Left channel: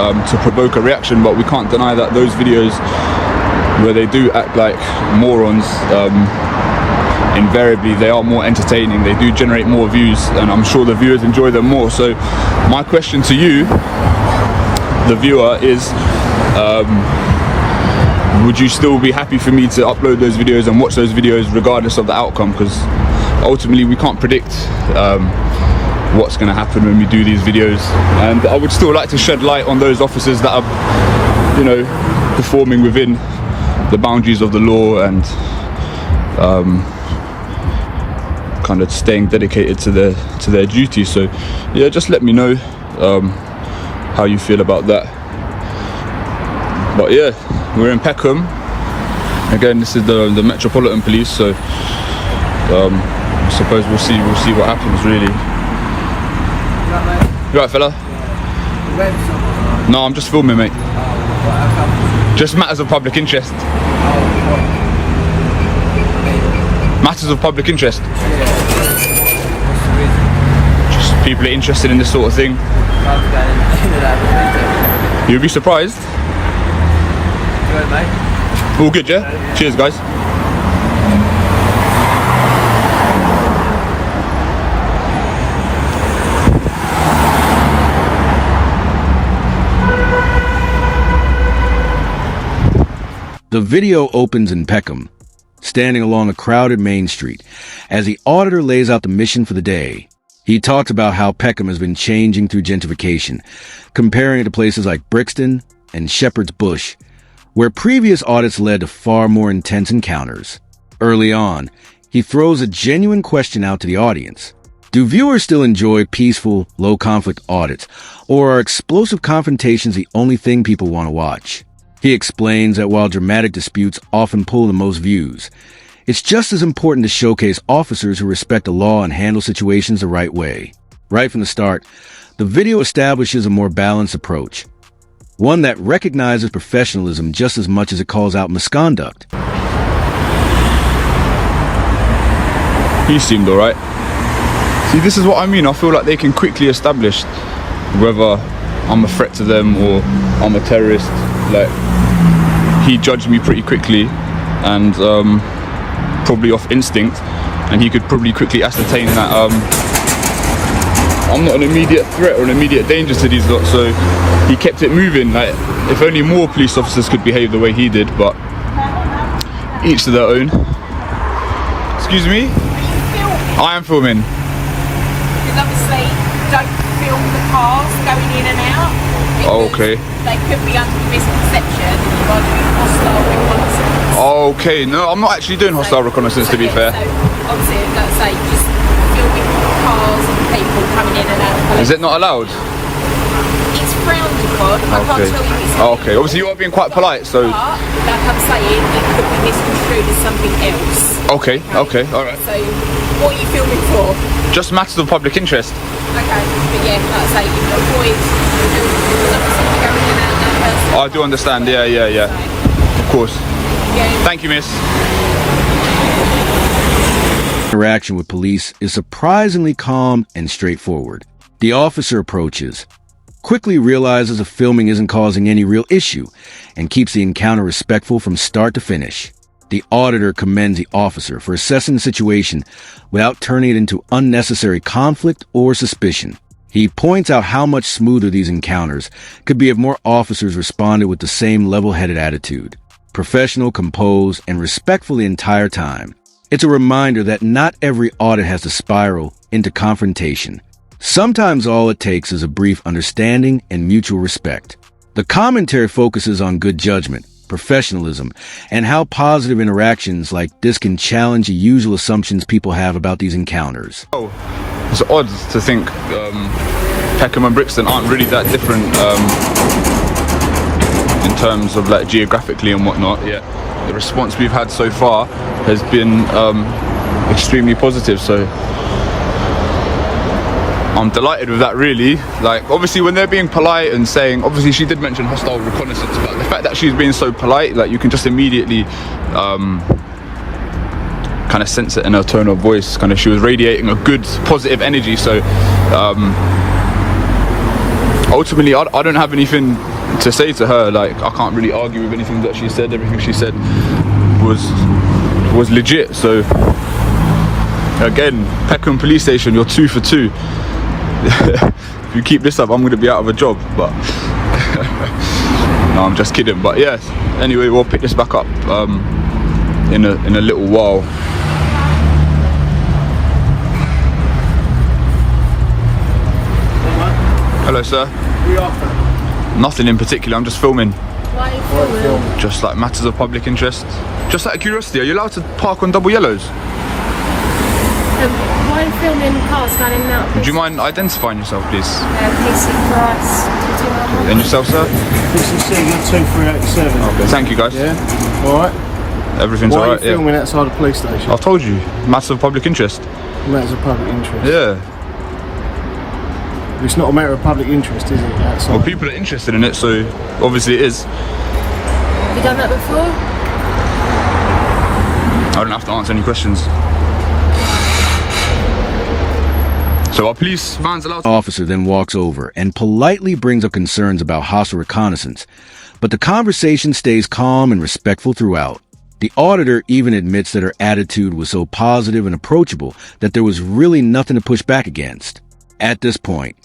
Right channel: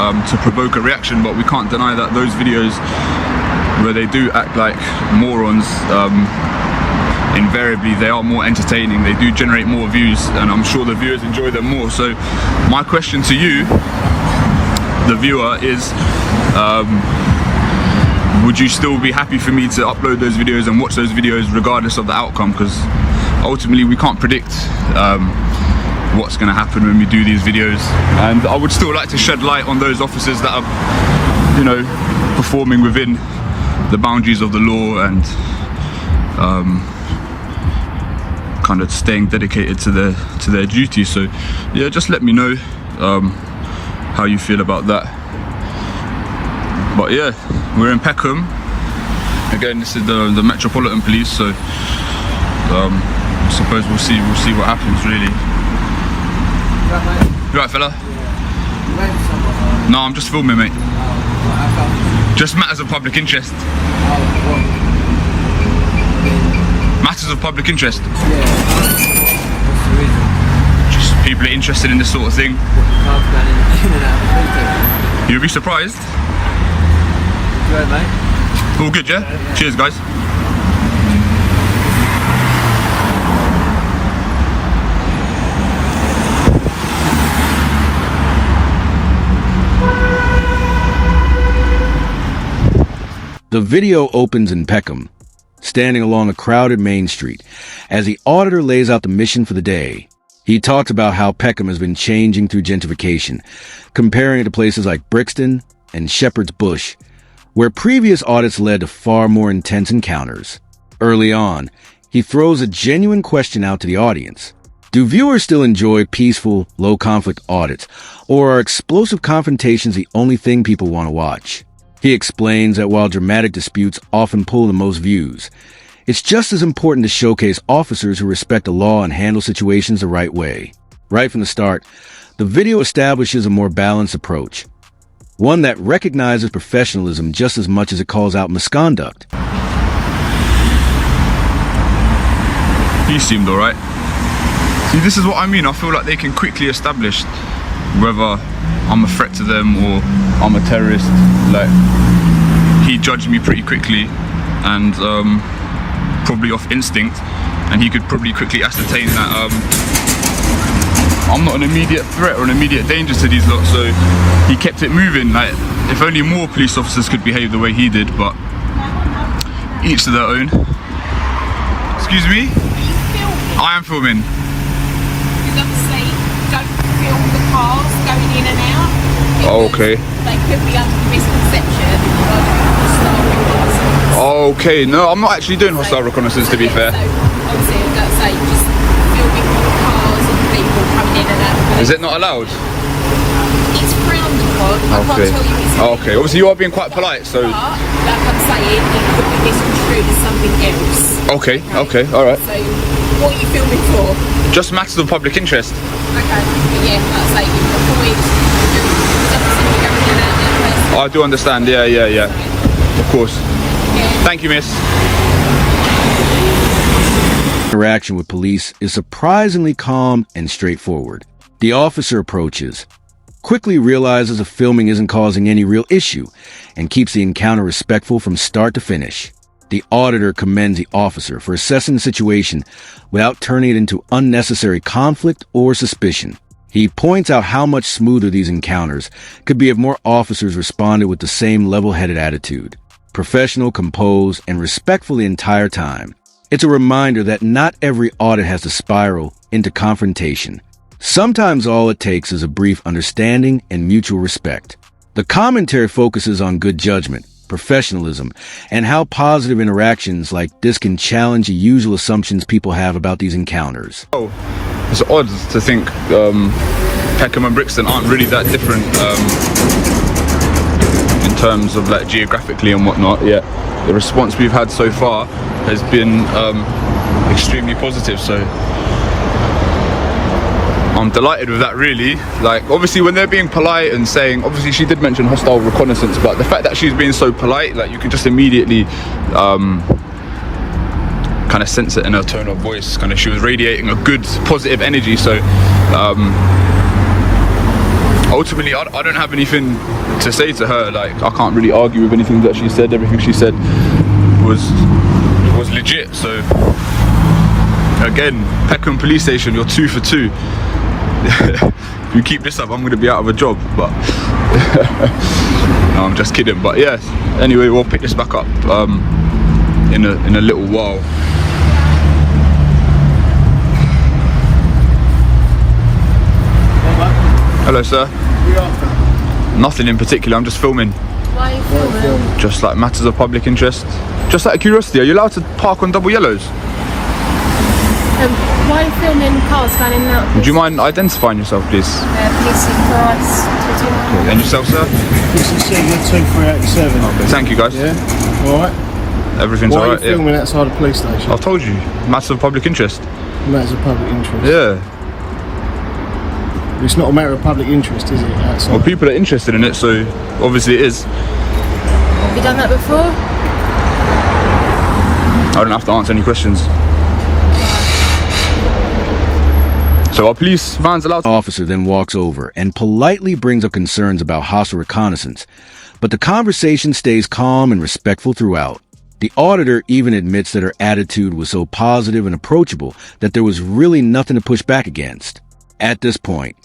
to provoke a reaction, but we can't deny that those videos where they do act like morons, invariably they are more entertaining, they do generate more views, and I'm sure the viewers enjoy them more. So my question to you, the viewer, is would you still be happy for me to upload those videos and watch those videos regardless of the outcome? Because ultimately we can't predict what's going to happen when we do these videos, and I would still like to shed light on those officers that are, you know, performing within the boundaries of the law and kind of staying dedicated to their duty. So yeah, just let me know how you feel about that. But yeah, we're in Peckham again. This is the Metropolitan Police, so I suppose we'll see what happens, really. You right, mate? You right, fella? Yeah. You waiting for someone, or? No, I'm just filming, mate. Oh, what, how come? Just matters of public interest. Oh, what? I mean, Matters of public interest. yeah. What's the reason? Just people are interested in this sort of thing. Cars going in and out of the police. You'll be surprised. You right, mate? All good, yeah? Cheers, guys. The video opens in Peckham, standing along a crowded main street, as the auditor lays out the mission for the day. He talks about how Peckham has been changing through gentrification, comparing it to places like Brixton and Shepherd's Bush, where previous audits led to far more intense encounters. Early on, he throws a genuine question out to the audience. Do viewers still enjoy peaceful, low-conflict audits, or are explosive confrontations the only thing people want to watch? He explains that while dramatic disputes often pull the most views, it's just as important to showcase officers who respect the law and handle situations the right way. Right from the start, the video establishes a more balanced approach, one that recognizes professionalism just as much as it calls out misconduct. He seemed alright. See, this is what I mean. I feel like they can quickly establish whether I'm a threat to them or I'm a terrorist. Like, he judged me pretty quickly, and probably off instinct, and he could probably quickly ascertain that I'm not an immediate threat or an immediate danger to these lot. So he kept it moving. Like, if only more police officers could behave the way he did, but each to their own. Excuse me? I am filming. Because obviously, don't film the cars going in and out. Oh, okay. They could be under misconception of hostile reconnaissance. Oh, okay. No, I'm not actually doing hostile reconnaissance, to be fair. So obviously, as I say, just filming the cars and people coming in and out. Is it not allowed? It's frowned upon. I Okay. can't tell you it's Oh, okay. Obviously, you are being quite polite, so. But, like I'm saying, it could be misconstrued as something else. Okay, okay, alright. So, what are you filming for? Just matters of public interest. Okay, but yeah, like I say, avoid someone's going to be going in and out that person. I do understand, yeah. Of course. Yeah. Thank you, miss. Interaction with police is surprisingly calm and straightforward. The officer approaches, quickly realizes the filming isn't causing any real issue, and keeps the encounter respectful from start to finish. The auditor commends the officer for assessing the situation without turning it into unnecessary conflict or suspicion. He points out how much smoother these encounters could be if more officers responded with the same level-headed attitude, professional, composed, and respectful the entire time. It's a reminder that not every audit has to spiral into confrontation. Sometimes all it takes is a brief understanding and mutual respect. The commentary focuses on good judgment, professionalism, and how positive interactions like this can challenge the usual assumptions people have about these encounters. Oh, it's odd to think Peckham and Brixton aren't really that different in terms of like geographically and whatnot, yet the response we've had so far has been extremely positive. So I'm delighted with that, really. Like, obviously when they're being polite and saying, obviously she did mention hostile reconnaissance, but the fact that she's being so polite, like, you can just immediately kind of sense it in her tone of voice. Kind of, she was radiating a good positive energy. So ultimately, I don't have anything to say to her. Like, I can't really argue with anything that she said. Everything she said was legit. So again, Peckham Police Station, you're 2 for 2. If you keep this up, I'm going to be out of a job. But no, I'm just kidding. But yeah, anyway, we'll pick this back up in a little while. Hello, sir. Nothing in particular. I'm just filming. Just like matters of public interest. Just out of curiosity, are you allowed to park on double yellows? Why are you filming cars going in and out? Would you mind identifying yourself, please? PC Price 229. And yourself, sir? PCC 2387. Okay, thank you, guys. Yeah. All right. Everything's Why alright. are you filming outside the police station? I've told you, matters of public interest. Matters of public interest. Yeah. It's not a matter of public interest, is it? Outside. Well, people are interested in it, so obviously it is. Have you done that before? I don't have to answer any questions. So our police vans allowed to... Officer then walks over and politely brings up concerns about hostile reconnaissance, but the conversation stays calm and respectful throughout. The auditor even admits that her attitude was so positive and approachable that there was really nothing to push back against. At this point,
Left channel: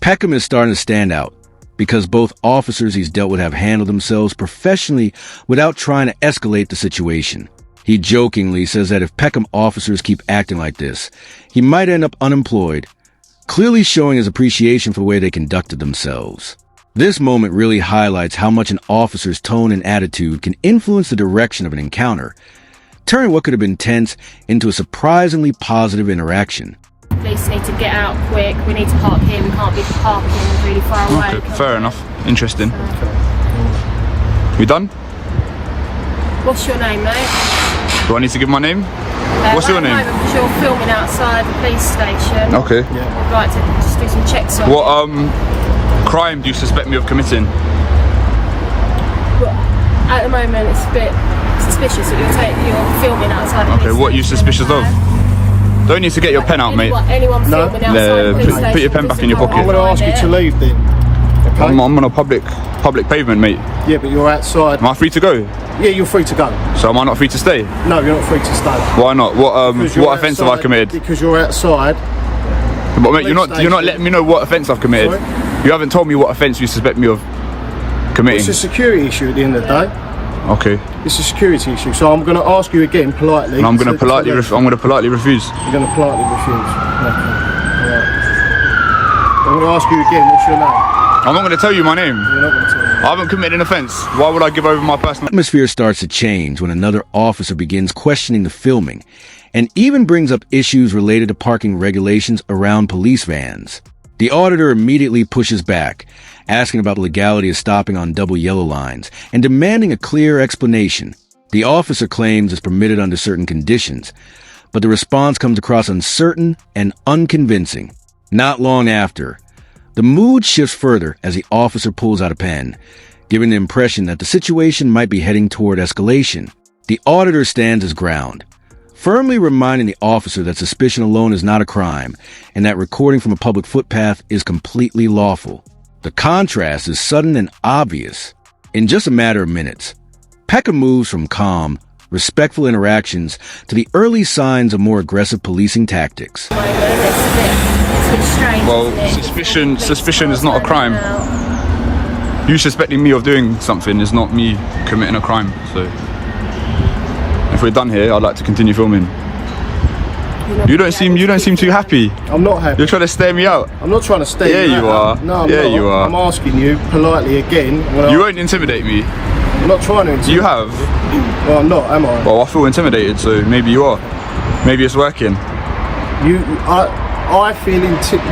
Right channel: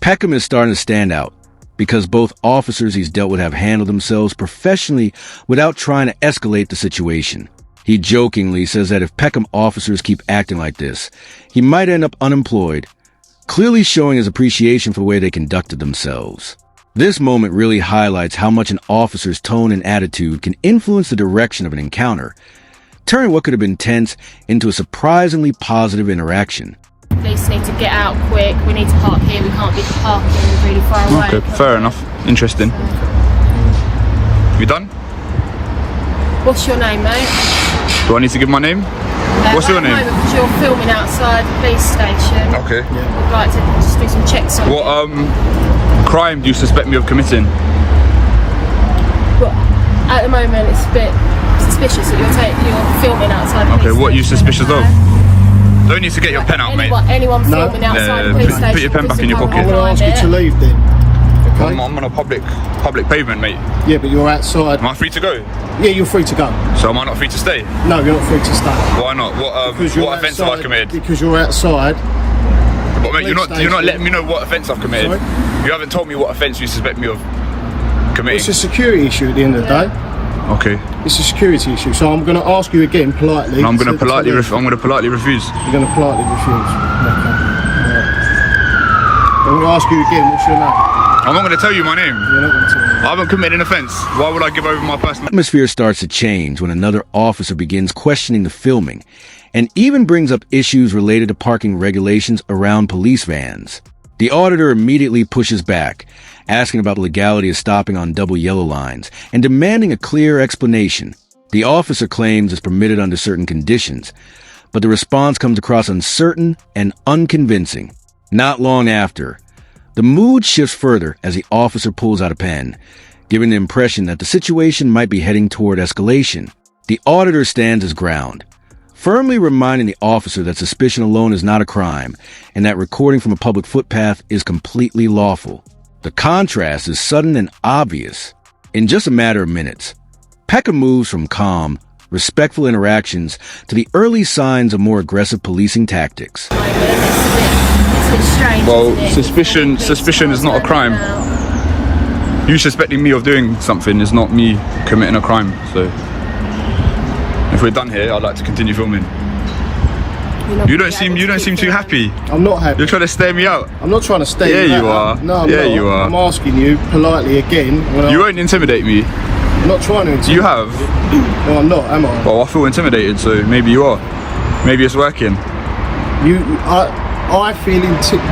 Peckham is starting to stand out because both officers he's dealt with have handled themselves professionally without trying to escalate the situation. He jokingly says that if Peckham officers keep acting like this, he might end up unemployed, clearly showing his appreciation for the way they conducted themselves. This moment really highlights how much an officer's tone and attitude can influence the direction of an encounter, turning what could have been tense into a surprisingly positive interaction. Police need to get out quick. We need to park here. We can't be parking really far away. Okay, fair enough. Interesting. We done? What's your name, mate? Do I need to give my name? What's your name? Because you're filming outside the police station. Okay. We'd like to just do some checks on What you. crime do you suspect me of committing? But at the moment, it's a bit suspicious that you're filming outside the police Okay, what are you station, suspicious okay? of? Don't need to get your pen out, mate. Anyone No. filming outside the police Put station your pen back in your pocket. I'm going to ask Find you to it. leave then. Okay? I'm on a public pavement, mate. Yeah, but you're outside. Am I free to go? Yeah, you're free to go. So am I not free to stay? No, you're not free to stay. Why not? What Because you're offence have I outside- committed? Because you're outside. But mate, you're not station. letting me know what offence I've committed. Sorry? You haven't told me what offence you suspect me of committing. It's a security issue at the end of the day. Okay. It's a security issue. So I'm going to ask you again politely. And I'm going to to politely leave. I'm going to politely refuse. You're going to politely refuse. Okay. Alright. I'm going to ask you again, what's your name? I'm not going to tell you my name. You're not going to tell me. I haven't committed an offence. Why would I give over my personal... Atmosphere starts to change when another officer begins questioning the filming and even brings up issues related to parking regulations around police vans. The auditor immediately pushes back, asking about the legality of stopping on double yellow lines and demanding a clear explanation. The officer claims it's permitted under certain conditions, but the response comes across uncertain and unconvincing. Not long after, the mood shifts further as the officer pulls out a pen, giving the impression that the situation might be heading toward escalation. The auditor stands his ground, firmly reminding the officer that suspicion alone is not a crime and that recording from a public footpath is completely lawful. The contrast is sudden and obvious. In just a matter of minutes, Peckham moves from calm, respectful interactions to the early signs of more aggressive policing tactics. It's a bit strange, Well, isn't it? suspicion is not a crime. You suspecting me of doing something is not me committing a crime. So if we're done here, I'd like to continue filming. You don't seem too happy. I'm not happy. You're trying to stare me out. I'm not trying to stay. Yeah, you are. No, I'm Yeah, not. you are. I'm asking you politely again. You won't intimidate me. I'm not trying to intimidate. You have. Well, I'm not, am I? Well, I feel intimidated, so maybe you are. Maybe it's working. I feel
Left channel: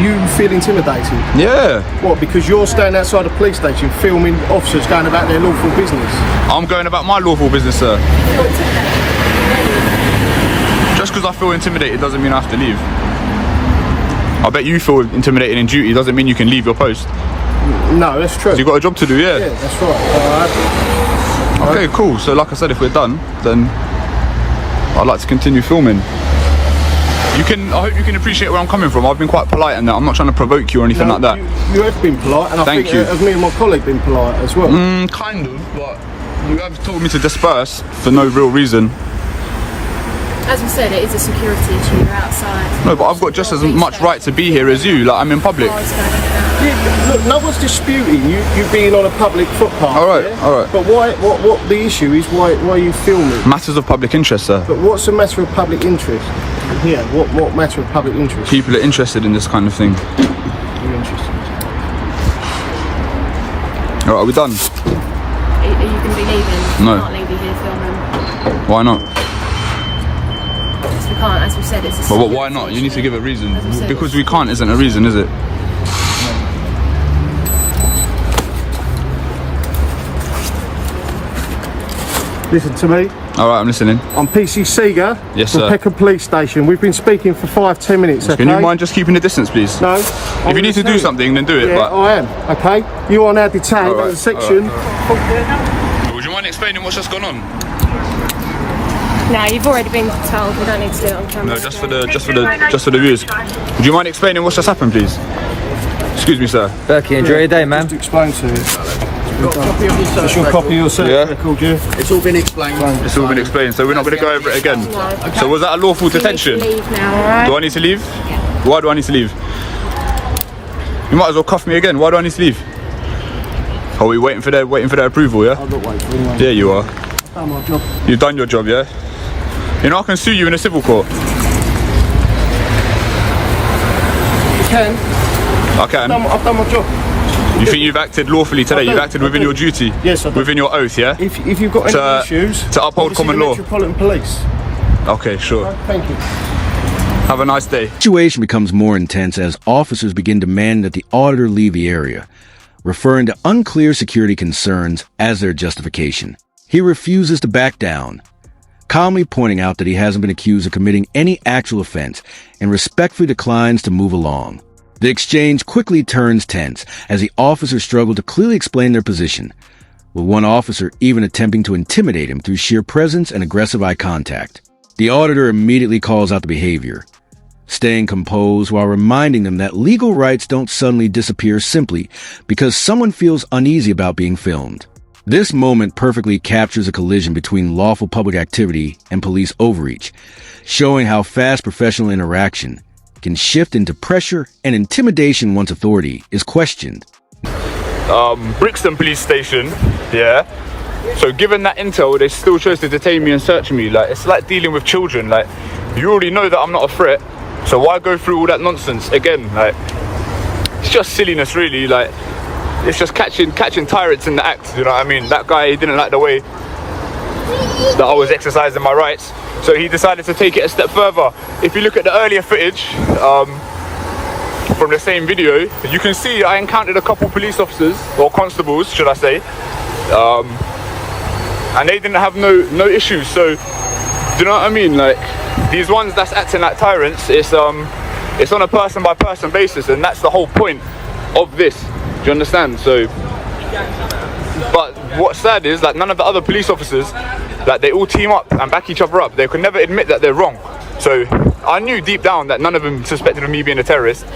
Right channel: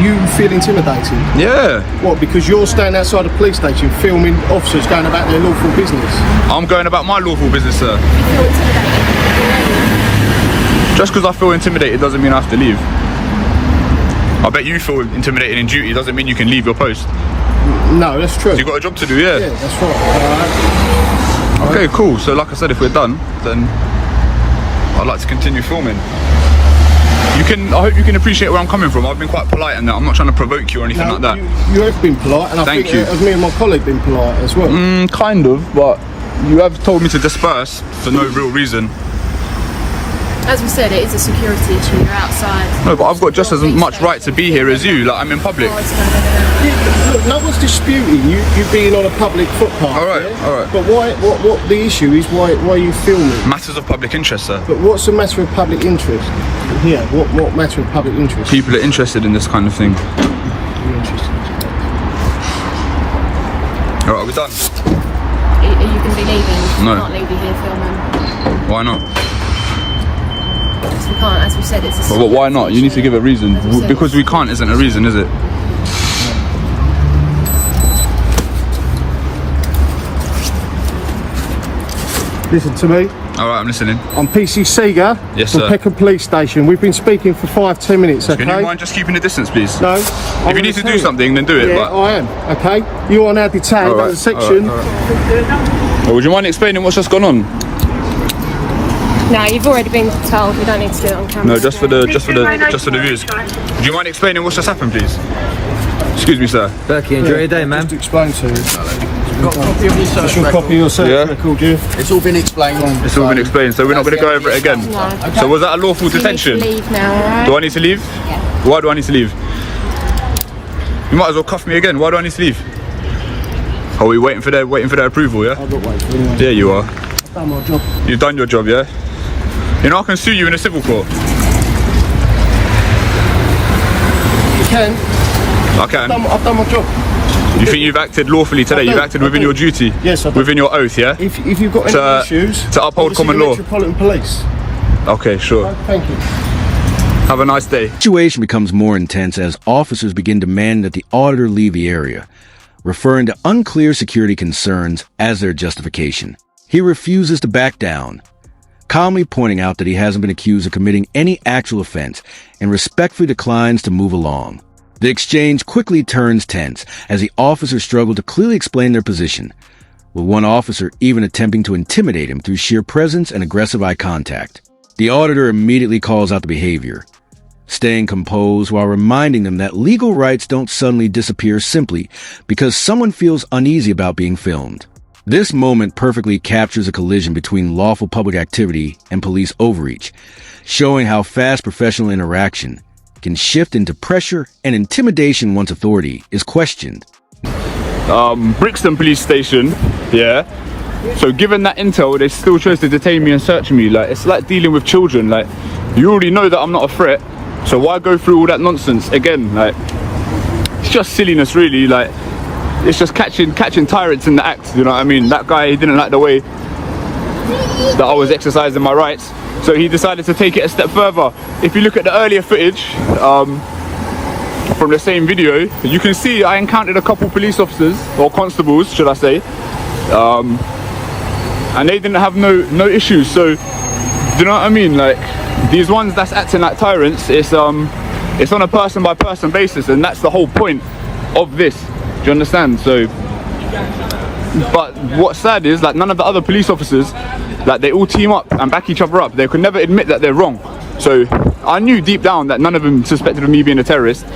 you feel intimidated. Yeah. What? Because you're standing outside a police station filming officers going about their lawful business. I'm going about my lawful business, sir. Just because I feel intimidated doesn't mean I have to leave. I bet you feel intimidated in duty doesn't mean you can leave your post. No, that's true. You've got a job to do, yeah. Yeah, that's right. Okay, cool. So like I said, if we're done, then I'd like to continue filming. I hope you can appreciate where I'm coming from. I've been quite polite in that. I'm not trying to provoke you or anything like that. You have been polite, and I Thank think you. as me and my colleague been polite as well. Kind of, but you have told me to disperse for no real reason. As we said, it is a security issue. You're outside. No, but I've got just as much right to be here as you. Like, I'm in public. Cars going in and out. Look, no one's disputing you being on a public footpath. All right, yeah? all right. But what the issue is? Why are you filming? Matters of public interest, sir. But what's the matter of public interest here? What matter of public interest? People are interested in this kind of thing. You're interested. All right, are we done? Are you going to be leaving? No. We can't leave you here filming. Why not? Because we can't, as we said, it's a But why not? You need to give a reason. As we said, Because we can't isn't a reason, is it? Listen to me. All right, I'm listening. I'm PC Seeger Yes, from sir. Peckham Police Station. We've been speaking for 5-10 minutes, okay? Can you mind just keeping the distance, please? No. If you need to do something, then do it. Yeah, but... I am, okay? You are now detained All right, at the section. all right. Would you mind explaining what's just gone on? No, you've already been told. We don't need to do it on camera. No, just for the viewers. Would you mind explaining what's just happened, please? Excuse me, sir. Berkey, enjoy your day, man. Just to explain to you. It's your copy of your search Yeah. record, yeah? It's all been explained. It's all been explained, so we're not going to go over it again. So was that a lawful You need to detention? leave now, alright? Do I need to leave? Yeah. Why do I need to leave? You might as well cuff me again. Why do I need to leave? Are we waiting for their approval? Yeah. I'm not waiting for anyone. Yeah, you are. I've done my job. You've done your job, yeah. You know I can sue you in a civil court. You can. I can. I've done my job. You think you've acted lawfully today? I do, You've acted I within do. your duty. Yes, I do. Within your oath, yeah. If you've got any issues, to uphold obviously common the law. Metropolitan Police. Okay, sure. Thank you. Have a nice day. The situation becomes more intense as officers begin demanding that the auditor leave the area, referring to unclear security concerns as their justification. He refuses to back down, calmly pointing out that he hasn't been accused of committing any actual offense and respectfully declines to move along. The exchange quickly turns tense as the officers struggle to clearly explain their position, with one officer even attempting to intimidate him through sheer presence and aggressive eye contact. The auditor immediately calls out the behavior, staying composed while reminding them that legal rights don't suddenly disappear simply because someone feels uneasy about being filmed. This moment perfectly captures a collision between lawful public activity and police overreach, showing how fast professional interaction can shift into pressure and intimidation once authority is questioned. Brixton police station, yeah. So given that intel, they still chose to detain me and search me. Like, it's like dealing with children. Like, you already know that I'm not a threat, so why go through all that nonsense again? Like, it's just silliness, really. Like, it's just catching tyrants in the act. You know what I mean? That guy, he didn't like the way that I was exercising my rights, so he decided to take it a step further. If you look at the earlier footage from the same video, you can see I encountered a couple police officers, or constables should I say, and they didn't have no issues. So do you know what I mean? Like, these ones that's acting like tyrants, it's on a person by person basis, and that's the whole point of this. Do you understand? So, but what's sad is, like, none of the other police officers, like, they all team up and back each other up. They could never admit that they're wrong. So I knew deep down that none of them suspected of me being a terrorist,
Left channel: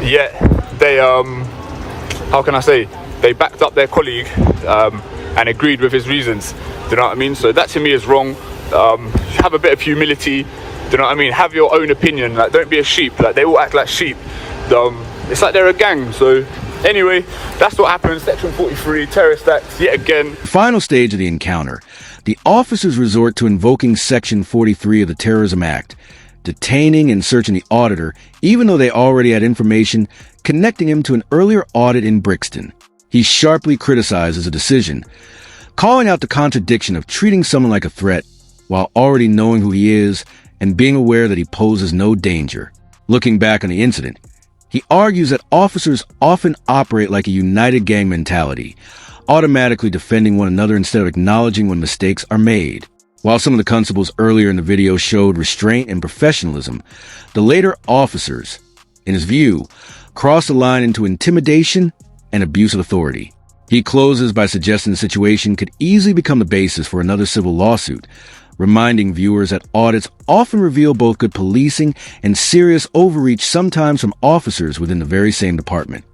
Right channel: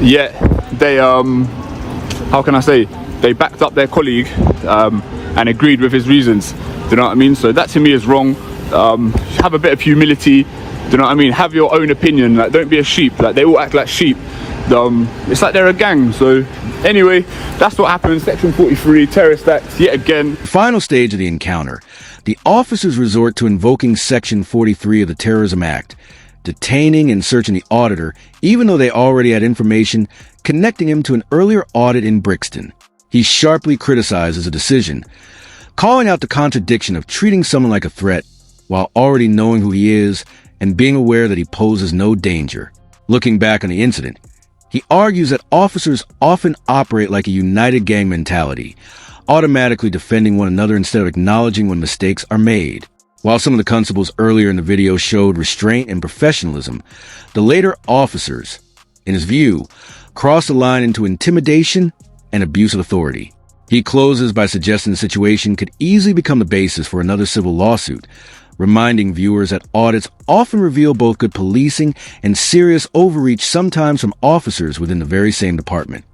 yet they how can I say, they backed up their colleague and agreed with his reasons. Do you know what I mean? So that to me is wrong. Have a bit of humility. Do you know what I mean? Have your own opinion. Like, don't be a sheep. Like, they all act like sheep. It's like they're a gang. So anyway, that's what happens. Section 43, terrorist act, yet again. Final stage of the encounter, the officers resort to invoking Section 43 of the Terrorism Act, detaining and searching the auditor, even though they already had information connecting him to an earlier audit in Brixton. He sharply criticizes the decision, calling out the contradiction of treating someone like a threat while already knowing who he is and being aware that he poses no danger. Looking back on the incident, he argues that officers often operate like a united gang mentality, automatically defending one another instead of acknowledging when mistakes are made. While some of the constables earlier in the video showed restraint and professionalism, the later officers, in his view, crossed the line into intimidation and abuse of authority. He closes by suggesting the situation could easily become the basis for another civil lawsuit, reminding viewers that audits often reveal both good policing and serious overreach, sometimes from officers within the very same department.